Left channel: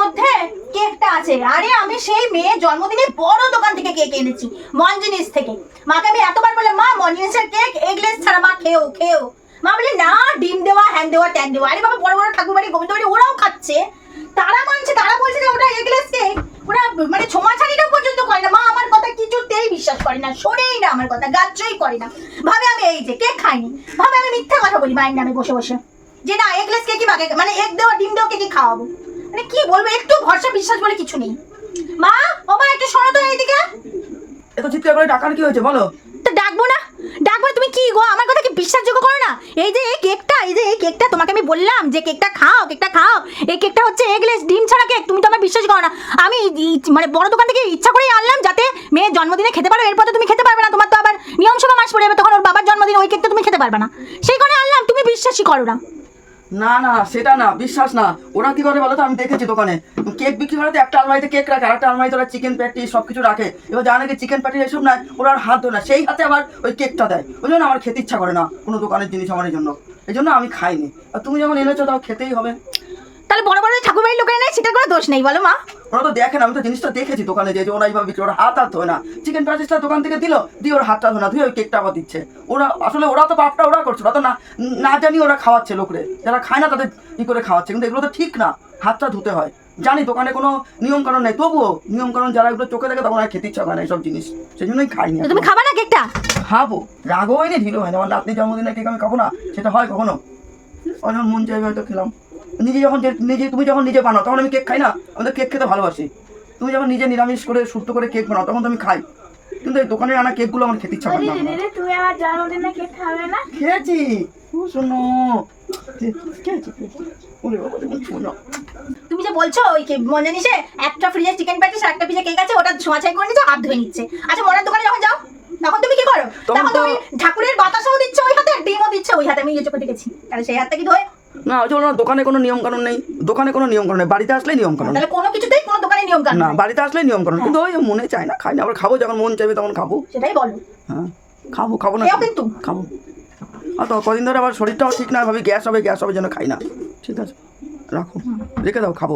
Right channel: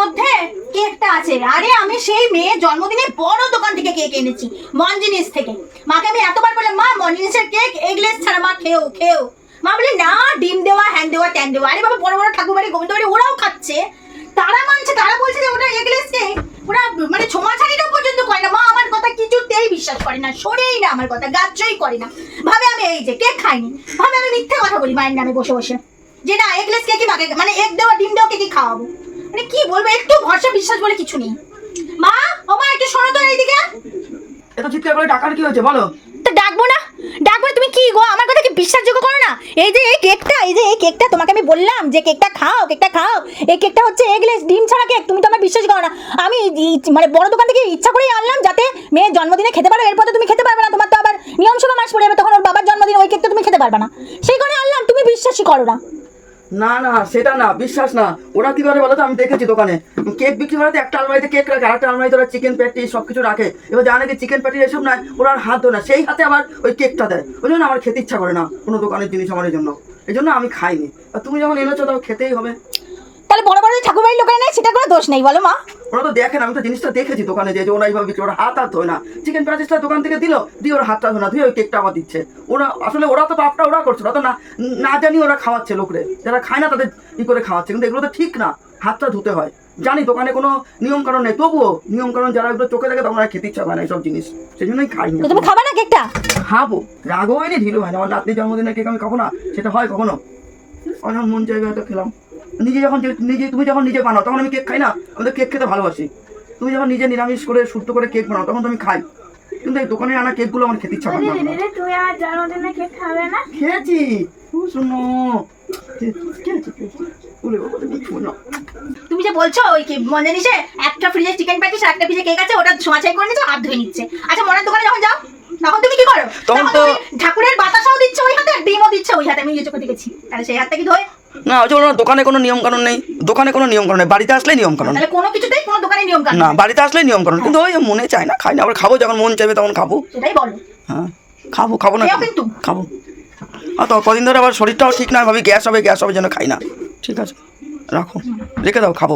মধ্যে কেকটা আছে। আরে আমি সেই মেয়ের জন্মদিনে বড় দোকান থেকে কেক এনেছি, মঞ্জিনিস থেকে। মাকে আমি এতবার বললাম, মা, মঞ্জিনিসের কেক এগলেস ছাড়া মা খেও খেও মা বলে না, ডিম দেওয়া হ্যাং দেওয়া ট্যাং দেওয়া। আরে বাবা, বড় বড় ঠাকুর বাড়ি গোবিন্দ বাড়ি ওরাও খাচ্ছে। তারা মানছে, তারা বলছে যে ওটা এগলেস কেক ওরা মানে ছোঁয়াছাড়িটা পর্যন্ত করে না। মা, আমার কথা কিছুতেই বিশ্বাস করে না, শোনেই না আমার কথা, গাজ্জই করে না। ভাবে আমি এই যে, কেক খাইনি। ভাবে আমি মিথ্যা কথা বলি মায়ের নামে বসে বসে। যে না এগলেস কেকই বাকে মানে এগ দেওয়া, ডিম দেওয়া কেকই খাওয়াবো। মানে কি বলব? একটু ভরসা বিশ্বাস বলে কিছু নেই। মা ও মা একটু শোনো তো এইদিকে। এত চিৎকার করে ডাকার কি হয়েছে বলো? তো ডাকবো না? ডাকবো না, তুমি কি গো? আমার কথা কি বিশ্বাসযোগ্য করো না? এই যে এই কেকটা এই যে এই কেকটা তোমাকে আমি বললাম যে কেকটা খাও কেকটা খাও। এই কেকটা হচ্ছে এগলেস ডিম ছাড়া কেক তুমি তো আমার বিশ্বাস করো না। আমি মানে বড় দোকান থেকে ইচ্ছা করেই আনলাম যাতে মেয়ের জন্মদিনে খেতে পারো এরপর তো তুমি খেতে পারবে না। তোমার তো আবার নিয়ম সভা মাস পড়ে যাবে তখন ওর বাবার জন্মদিন ওই কেকটা তুমি খেতে পারবে না। সেই করে আনলাম তুমি বিশ্বাসই করো না। না না, সেটা না, বিশ্বাস না। ওরা কি করে বলো তো আমি দেখেছি দোকানে। কেক বিক্রি করে একটা আলমারিতে কেক রাখে আর একটা আলমারিতে ওরা চিকেন প্যাটি সব কিছু রাখে। এবার জানে কি চিকেন প্যাটি এসব নয়, ওরা আর হাত ধরে সেই হাতে আবার ওই কেকটা দেয়। ওই জন্য আমার খেতে ইচ্ছা করে না কোনো দোকানের জিনিস আমার জন্য। এই জন্য আমি খাইনি। আর তুমি যখন এনেছো, তাও খেতেই হবে। তাহলে বড় বড় ঠাকুর বাড়ির লোকেরা নেই সেটা কোনো দোষ নেই, বলো মা। ওরা তো দেখে না আমি তো জিনিসটা দেখেছি দোকানে যে ওরা এইভাবে বিক্রি ওরা হাত হাত ধোয় না। চিকেন প্যাটিসটা দোকান থেকে দিল দিয়ে ওরা হাতটা ধোয় না ধুয়ে ওই কেকটা আবার দিচ্ছে। ওরা আসলে ওরা তো পাপটা ওরা করছে ওরা তো না না জানি ওরা খাওয়াচ্ছে লোকরে। যারা খায় না তাদের ই করে খাওয়াচ্ছে কিন্তু এগুলো তো ঠিক না। হাতটা ধুতে হয়। জানি দোকানে কোনো নিয়ম কারণ নেই তবুও নিয়ম কারণ যারা এগুলো চোখে দেখে তখন আর খেতে ইচ্ছা করে না এইসব জিনিস। সেই জন্যই খাইনি তো তুমি খাবা না কেকটা খাব। রাগও হয়নি ঢিল হয় না আমার নাতনি জন্মদিনের কেক আমি খাব না সেটা হয় কখনো। অনেক মন চাইবে হয়তো খেলাম। নিজে যখন নিজে তুমি যখন নিজে বানাও তখন আমি কেক খাই না? আমি তো কেক খেতে ভালোবাসি। তুমি যখন নিজে নিরামিষ করে সুস্থ করে কেক বানাও তখন তো আমি খাই। কিন্তু এই দোকানে আনা কেকগুলো আমার খেতে ইচ্ছা করে না। তুমি আমার জন্মদিনে কেক খাবে না? খেয়েছি। শোনো। তুমি যে বলছো ওই কি মনে নিছে একটা ফ্রিজে চিকেন প্যাটিস আর একটা ফ্রিজে কেক আছে ওটা ছোঁয়াছাই করে নিচ্ছে হাত ধুয়ে নিচ্ছে। আচ্ছা মরার দোকানে যখন যাও তখন তুমি কি করো? তখন তো- ঠাকুরের বাতাসাও দিচ্ছে ওই হাতে ডিমও দিচ্ছে ওই হাতে। আমি নিজে চোখে দেখেছি। তাহলে সেই হাতটা কি ধোয় না ওই যে ওনার দোকানে কোনো নিয়ম কানুন নেই। দোকানে কোনো নিয়ম কানুন নেই বাড়িতে আসলেই নিয়ম কানুন তাহলে কোনো কিছুতেই কোনো দোকানে নিয়ম কানুন না বাড়িতে আসলেই নিয়ম কানুন কিন্তু ওই মনে চায় না খাই না আবার খাব যখন মন চাইবে তখন খাব। সেটাই বলো। হ্যাঁ খাব খাব না? কিন্তু। খাব। আর তো কদিন ধরে আবার শরীরটাও ঠিক না ভাবি গ্যাস হবে গ্যাস হবে যেন খাই না। ঠিক আছে রাখো। রেখে দাও খাব।